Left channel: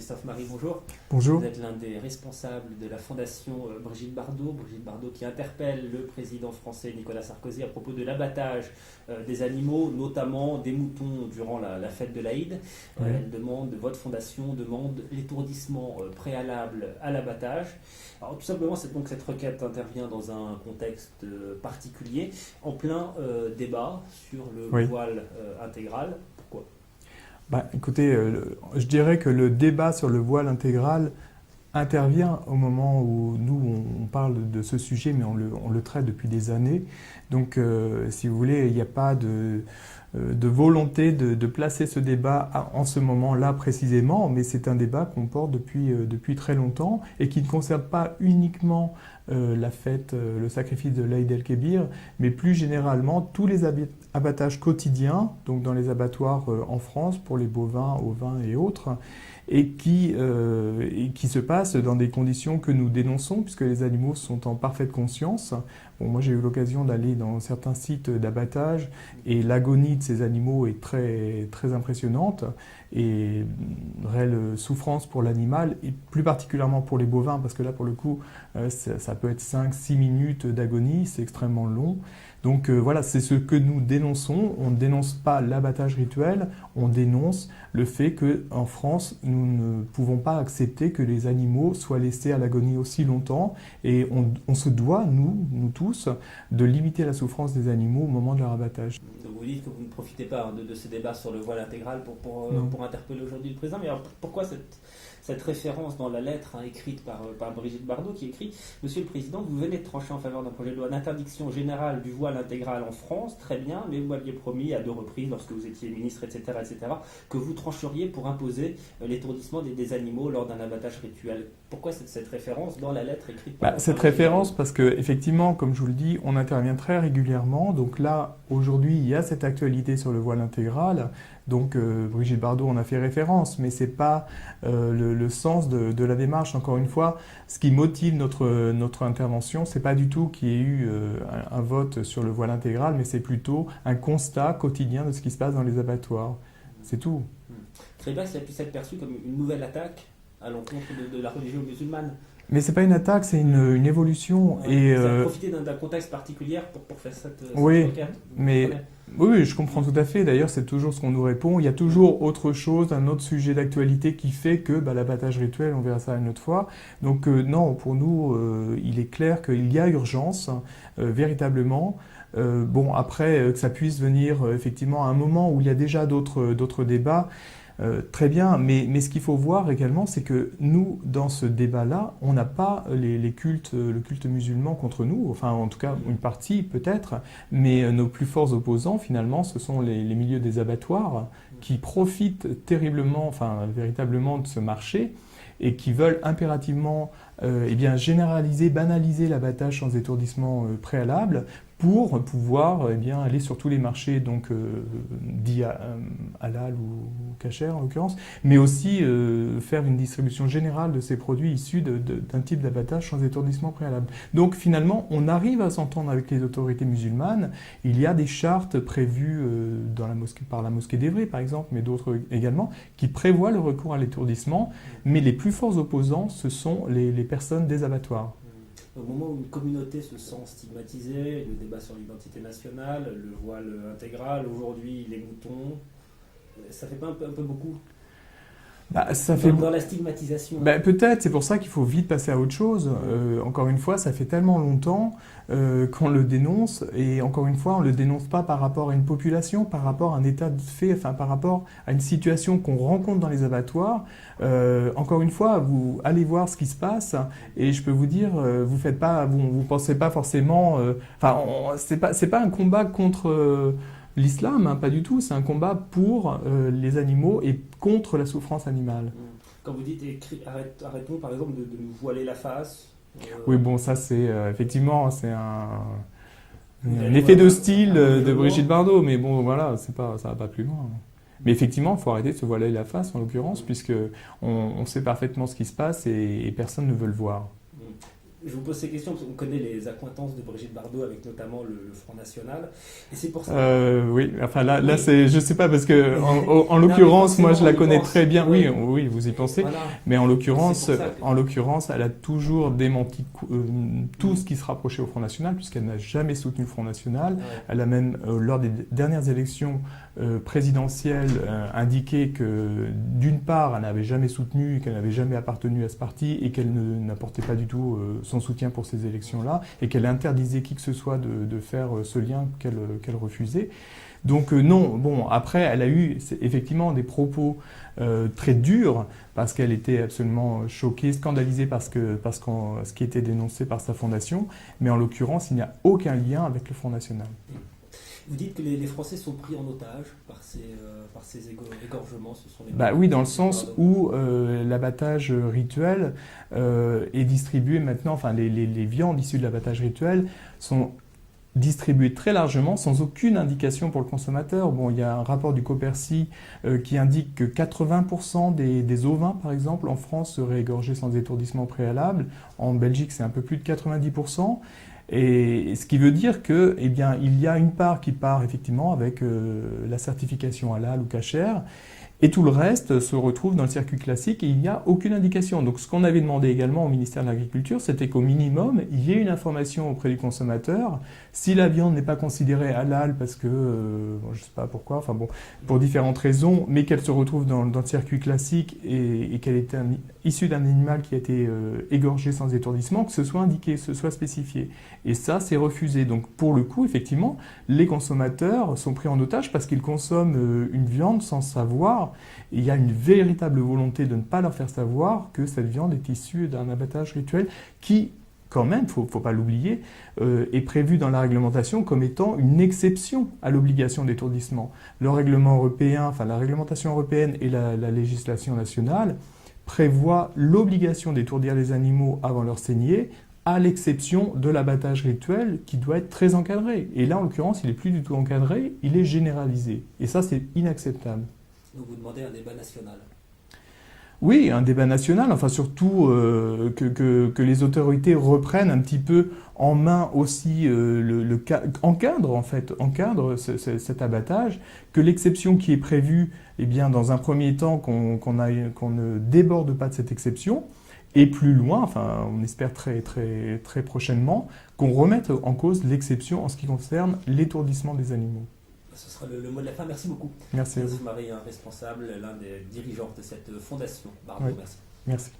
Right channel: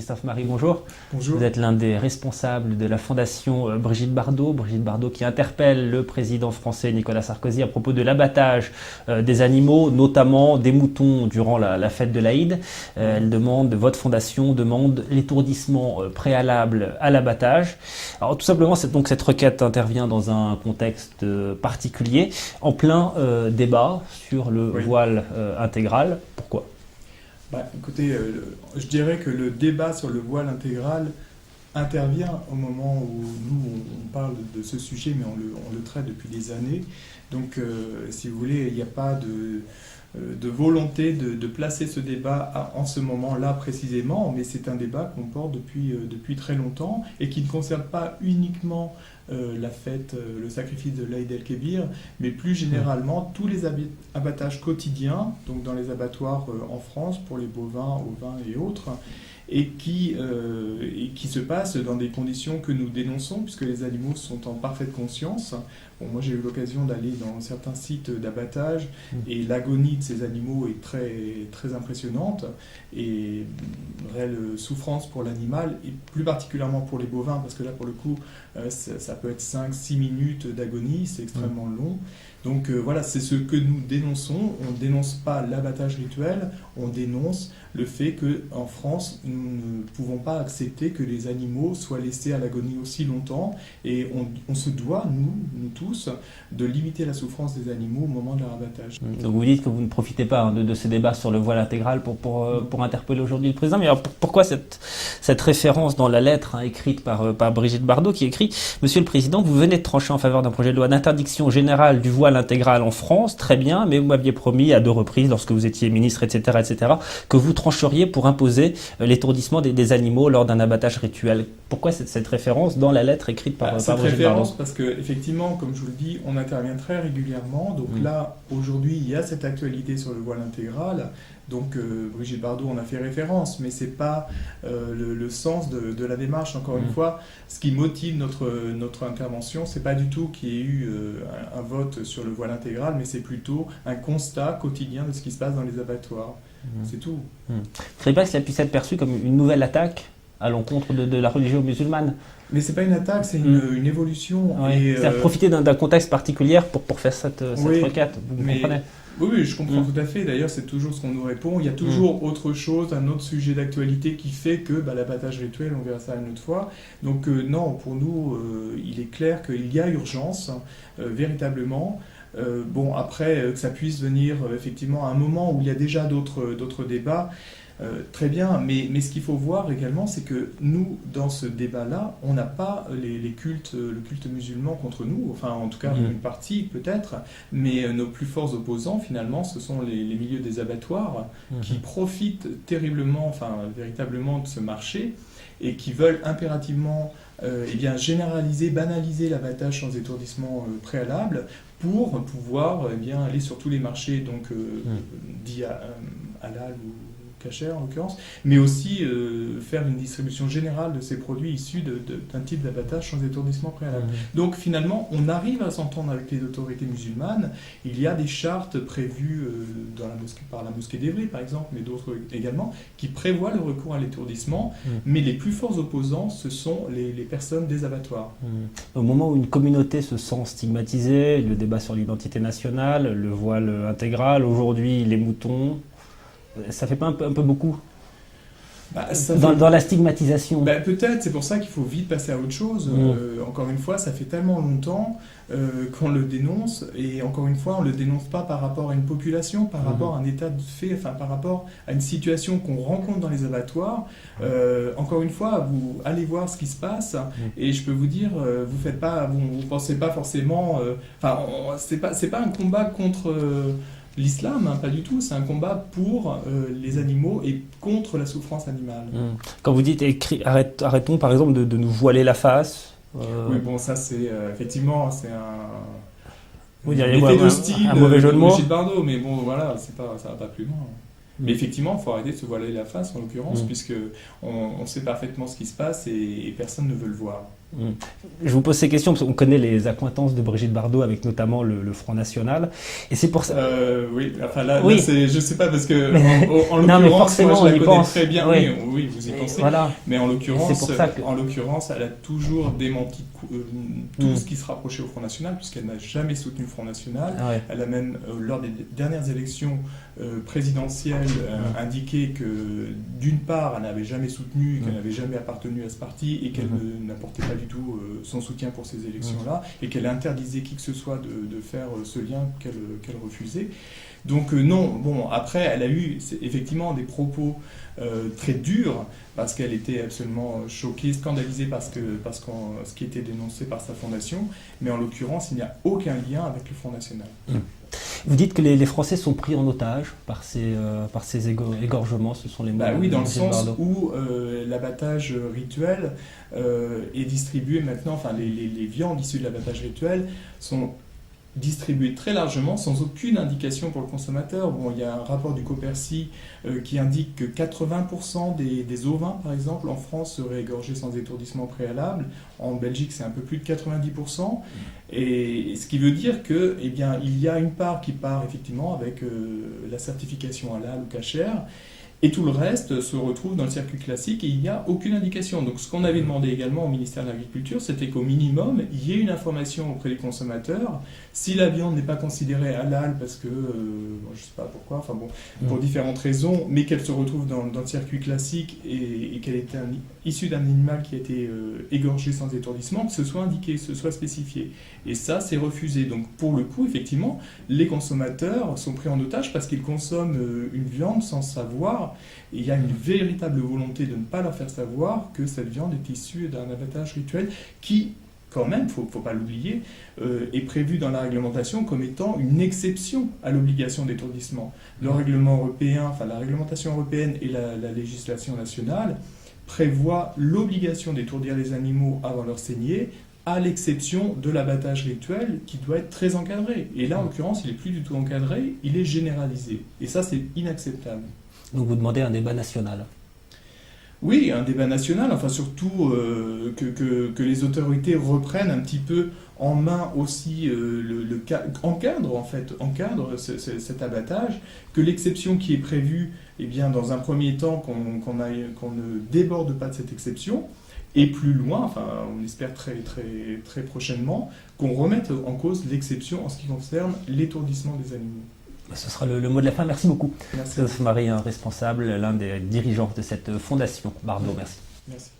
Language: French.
Christophe Marie, bonjour. Bonjour. Vous êtes l'un des responsables de la fondation Brigitte Bardot. Brigitte Bardot qui interpelle le président français Nicolas Sarkozy à propos de l'abattage des animaux, notamment des moutons durant la fête de l'Aïd. Votre fondation demande l'étourdissement préalable à l'abattage. Alors tout simplement, cette requête intervient dans un contexte particulier, en plein débat sur le voile intégral. Pourquoi ? Écoutez, je dirais que le débat sur le voile intégral intervient au moment où nous, on parle de ce sujet, mais on le traite depuis des années. Donc, si vous voulez, il n'y a pas de volonté de placer ce débat en ce moment-là précisément, mais c'est un débat qu'on porte depuis très longtemps et qui ne concerne pas uniquement la fête, le sacrifice de l'Aïd el-Kébir, mais plus généralement tous les abattages quotidiens, donc dans les abattoirs en France pour les bovins, ovins et autres, et qui se passent dans des conditions que nous dénonçons, puisque les animaux sont en parfaite conscience. Bon, moi, j'ai eu l'occasion d'aller dans certains sites d'abattage, et l'agonie de ces animaux est très, très impressionnante, et une réelle souffrance pour l'animal, et plus particulièrement pour les bovins, parce que là, pour le coup, ça peut être 5-6 minutes d'agonie, c'est extrêmement long. Donc voilà, c'est ce que nous dénonçons. On ne dénonce pas l'abattage rituel, on dénonce le fait qu'en France, nous ne pouvons pas accepter que les animaux soient laissés à l'agonie aussi longtemps. Et on se doit, nous tous, de limiter la souffrance des animaux au moment de leur abattage. Donc vous dites que vous ne profitez pas de ces débats sur le voile intégral pour interpeller aujourd'hui le président. Mais alors pourquoi cette référence dans la lettre écrite par Brigitte Bardot qui écrit « Monsieur le Président, vous venez de trancher en faveur d'un projet de loi d'interdiction générale du voile intégral en France, très bien, mais vous m'aviez promis à 2 reprises, lorsque vous étiez ministre, etc., que vous trancheriez pour imposer l'étourdissement des animaux lors d'un abattage rituel. » Pourquoi cette référence dans la lettre écrite par Cette Brigitte référence, Bardot ? parce qu'effectivement, comme je vous le dis, on intervient très régulièrement. Donc là, aujourd'hui, il y a cette actualité sur le voile intégral. Donc Brigitte Bardot en a fait référence, mais ce n'est pas le sens de la démarche. Encore une fois, ce qui motive notre intervention, ce n'est pas du tout qu'il y ait eu un vote sur le voile intégral, mais c'est plutôt un constat quotidien de ce qui se passe dans les abattoirs. C'est tout. Vous ne croyez pas que cela puisse être perçu comme une nouvelle attaque à l'encontre de la religion musulmane ? Mais ce n'est pas une attaque, c'est une évolution. C'est-à-dire profiter d'un contexte particulier pour faire cette requête, vous comprenez ? Oui, je comprends tout à fait. D'ailleurs, c'est toujours ce qu'on nous répond. Il y a toujours autre chose, un autre sujet d'actualité qui fait que l'abattage rituel, on verra ça une autre fois. Donc non, pour nous, il est clair qu'il y a urgence, véritablement. Bon, après, que ça puisse venir effectivement à un moment où il y a déjà d'autres débats, très bien, mais ce qu'il faut voir également, c'est que nous, dans ce débat-là, on n'a pas le culte musulman contre nous, enfin en tout cas une partie peut-être, mais nos plus forts opposants finalement, ce sont les milieux des abattoirs qui profitent terriblement, enfin véritablement de ce marché et qui veulent impérativement généraliser, banaliser l'abattage sans étourdissement préalable pour pouvoir aller sur tous les marchés dits halal ou kasher en l'occurrence, mais aussi faire une distribution générale de ces produits issus d'un type d'abattage sans étourdissement préalable. Donc finalement, on arrive à s'entendre avec les autorités musulmanes. Il y a des chartes prévues par la mosquée d'Évry par exemple, mais d'autres également, qui prévoient le recours à l'étourdissement, mais les plus forts opposants, ce sont les personnes des abattoirs. Au moment où une communauté se sent stigmatisée, le débat sur l'identité nationale, le voile intégral, aujourd'hui les moutons, ça fait pas un peu beaucoup dans la stigmatisation? Peut-être, c'est pour ça qu'il faut vite passer à autre chose. Encore une fois, ça fait tellement longtemps qu'on le dénonce, et encore une fois, on ne le dénonce pas par rapport à une population, par rapport à un état de fait, enfin par rapport à une situation qu'on rencontre dans les abattoirs. Encore une fois, vous allez voir ce qui se passe, et je peux vous dire, vous pensez pas forcément... c'est pas un combat contre... l'islam, pas du tout, c'est un combat pour les animaux et contre la souffrance animale. Quand vous dites arrêtons par exemple de nous voiler la face. Oui, bon, ça c'est effectivement c'est un effet de style de Brigitte Bardot, mais bon voilà, ça va pas plus loin. Mais effectivement, il faut arrêter de se voiler la face en l'occurrence, puisque on sait parfaitement ce qui se passe et personne ne veut le voir. Je vous pose ces questions parce qu'on connaît les accointances de Brigitte Bardot avec notamment le Front National. Et c'est pour ça. Oui, enfin là, Oui. là je sais pas parce que en Non, mais l'occurrence, moi je la on y connais pense. très bien. Oui. Oui, vous y pensez. Voilà. Mais en C'est l'occurrence, pour ça que- elle a toujours démenti tout ce qui se rapprochait au Front National, puisqu'elle n'a jamais soutenu le Front National. Ah ouais. Elle a même, lors des dernières élections présidentielles, indiqué que d'une part, elle n'avait jamais soutenu, qu'elle n'avait jamais appartenu à ce parti et qu'elle n'apportait pas du tout son soutien pour ces élections-là et qu'elle interdisait qui que ce soit de faire ce lien qu'elle refusait. Donc non, bon, après, elle a eu effectivement des propos très durs parce qu'elle était absolument choquée, scandalisée par ce qui était dénoncé par sa fondation, mais en l'occurrence, il n'y a aucun lien avec le Front National. Vous dites que les Français sont pris en otage par ces égorgements, ce sont les mots Oui, de dans le Brigitte sens Bardot. où l'abattage rituel est distribué maintenant, enfin les viandes issues de l'abattage rituel sont distribuées très largement sans aucune indication pour le consommateur. Bon, il y a un rapport du Copercy qui indique que 80% des ovins, par exemple, en France seraient égorgés sans étourdissement préalable. En Belgique, c'est un peu plus de 90%. Et ce qui veut dire que, eh bien, il y a une part qui part effectivement avec la certification halal ou kasher, et tout le reste se retrouve dans le circuit classique et il n'y a aucune indication. Donc ce qu'on avait demandé également au ministère de l'Agriculture, c'était qu'au minimum, il y ait une information auprès du consommateur. Si la viande n'est pas considérée halal parce que, je ne sais pas pourquoi, enfin bon, pour différentes raisons, mais qu'elle se retrouve dans le circuit classique et qu'elle est issue d'un animal qui a été égorgé sans étourdissement, que ce soit indiqué, que ce soit spécifié. Et ça, c'est refusé. Donc pour le coup, effectivement, les consommateurs sont pris en otage parce qu'ils consomment une viande sans savoir. Et il y a une véritable volonté de ne pas leur faire savoir que cette viande est issue d'un abattage rituel qui, quand même, faut pas l'oublier, est prévu dans la réglementation comme étant une exception à l'obligation d'étourdissement. Le règlement européen, enfin la réglementation européenne et la législation nationale prévoient l'obligation d'étourdir les animaux avant leur saignée, à l'exception de l'abattage rituel qui doit être très encadré. Et là, en l'occurrence, il n'est plus du tout encadré, il est généralisé. Et ça, c'est inacceptable. Donc vous demandez un débat national. Oui, un débat national, enfin surtout que les autorités reprennent un petit peu en main aussi encadrent cet abattage, que l'exception qui est prévue, eh bien, dans un premier temps, qu'on ne déborde pas de cette exception, et plus loin, enfin on espère très, très, très prochainement, qu'on remette en cause l'exception en ce qui concerne l'étourdissement des animaux. Ce sera le mot de la fin. Merci beaucoup. Merci. Christophe Marie, un responsable, l'un des dirigeants de cette fondation Bardot. Merci. Merci.